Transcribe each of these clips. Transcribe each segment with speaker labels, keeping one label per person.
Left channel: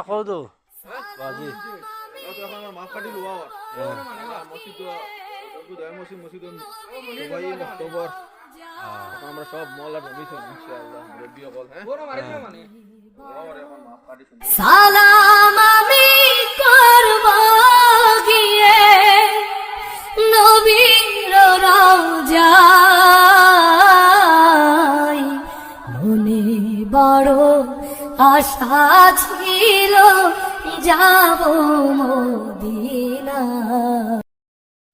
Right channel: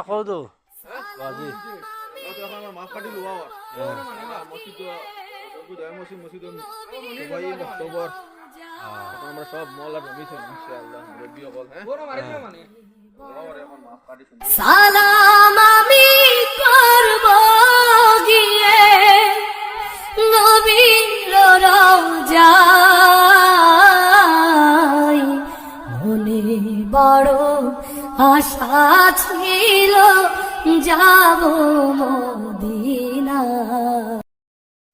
Speaker 1: কও তো বাজি
Speaker 2: আমার মাপ কাটি লোয়া মসজিদ মসজিদ মসজিদ সবাই অক্টোবর এখন আমরা সব মল আর ইনশাআল্লাহ মুরব্বী সকল হ্যাঁ
Speaker 3: সালাম আমি আশা ছিল যাব মদিনা।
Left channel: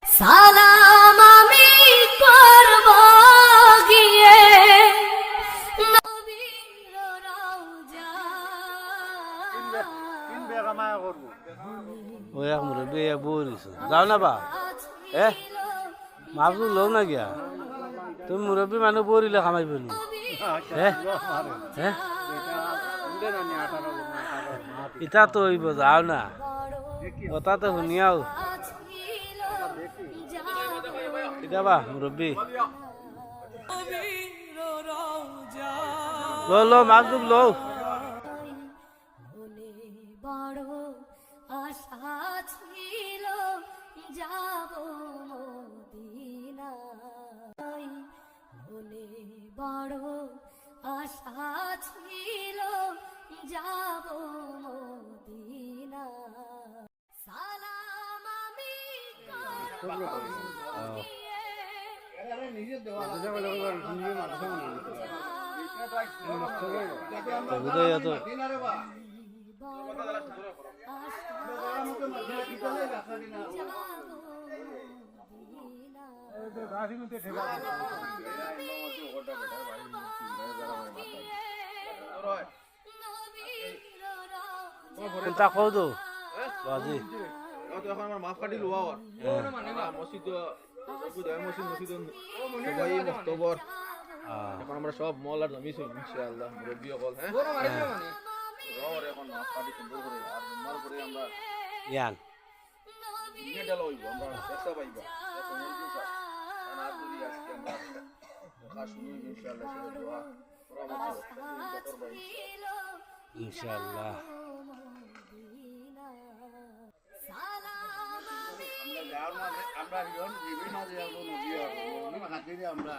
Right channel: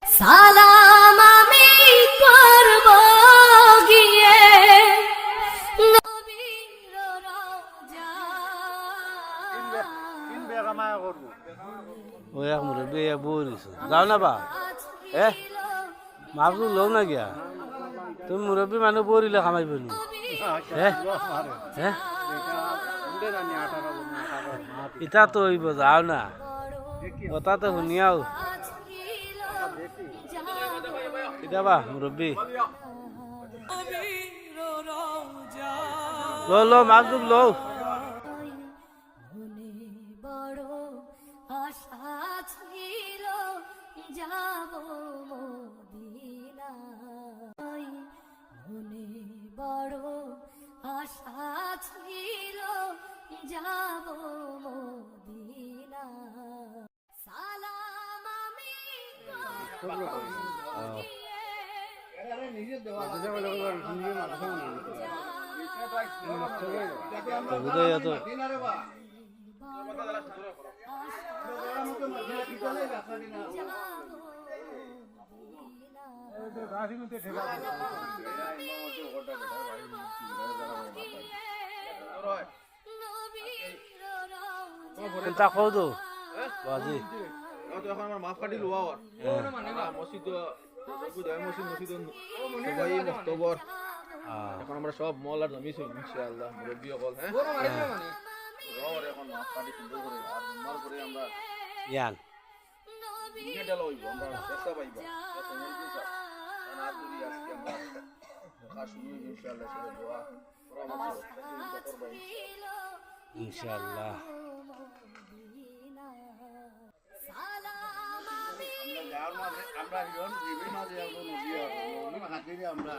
Speaker 3: সালাম আমি করব গিয়ে নবীর
Speaker 1: মুরব্বী এক দিছো যাও না বা। এ মাপটো লও না গিয়া? তুমি মুরব্বী মানুহ বৰিলে কামাই পেল হে হে ইটা তো হইব, যাও না। কথা তো শুনিয়াও। কিটা বা মুরব্বী লো লো লও।
Speaker 3: বড় আশা ছিল যাব মদিনায় মনে বড় আশা ছিল যাব মদিনায় সালাম
Speaker 1: কোনটা কও তো বাজি
Speaker 2: তো এখন আমার মাপ কাটি লোয়া আর মসজিদ বুধবার মসজিদ মসজিদ সবাই অক্টোবর এখন আমরা সব মল আর জমিছি ইনশাআল্লাহ মুরব্বী সকল হ্যাঁ লোয়া আর এখন মাপ কাটি সুন্দর করে আর জন্মার করে আমরা
Speaker 1: ইয়ান
Speaker 2: দুনিয়া ডালা হইব আমরা চেষ্টা পাইবা কারণ আর যদি আজকে আমরা দেখা শুনি ইনশাআল্লাহ সেটা দোয়া পরামর্শ চিন্তা
Speaker 4: আমরা ইজন বিভিন্ন যে আমরা নদী হাতিরে আমরা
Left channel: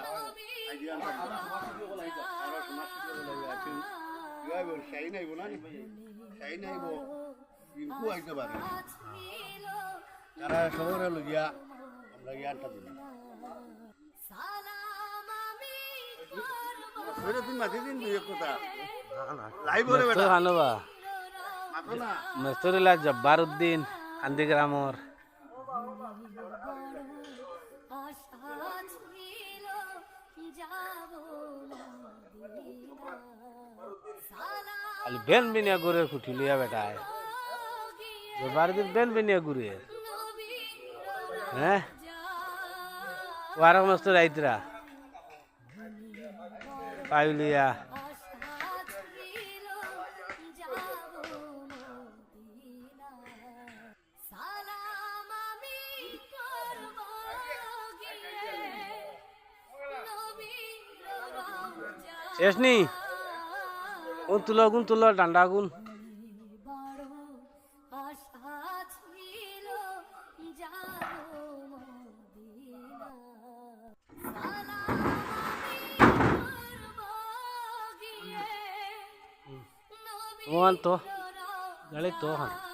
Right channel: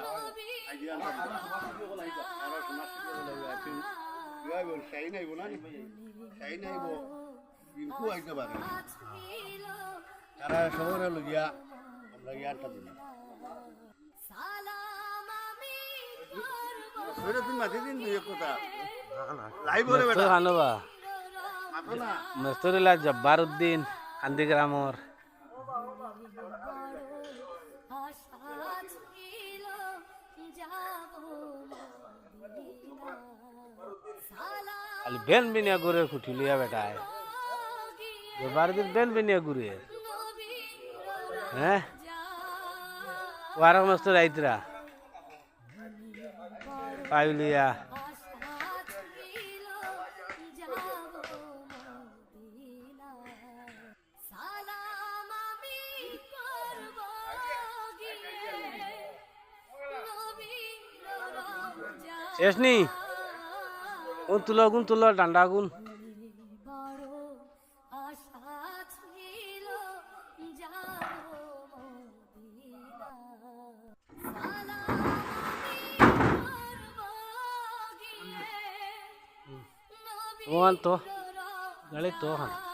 Speaker 4: আইডিয়া আমরা সমাজ আছি বল না? সাই নাইব কিন্তু আইতে পারে। তারা শহরে লগিয়া আমরা জ্ঞানটা দিলাম। তুমি মাতি দিন দুই এক কথা। লাইভ হলে বেটা।
Speaker 1: মেস্তর খানবা।
Speaker 4: মাতো না।
Speaker 1: মেস্তরিলা জব্বার উদ্দিন কান্দিগ্রামর খালি বেন বিনিয়া ঘুরে খুঠিলিয়া বেটায় জব্বার দিন বেন বিনিয়া ঘুরে হ্যাঁ ওয়ারক মেস্তর আইতরা পাইলিয়া শেষ নি কোন তুলো কোন তুলো ডান্ডা গুন তোমার তো গাড়ি তো খান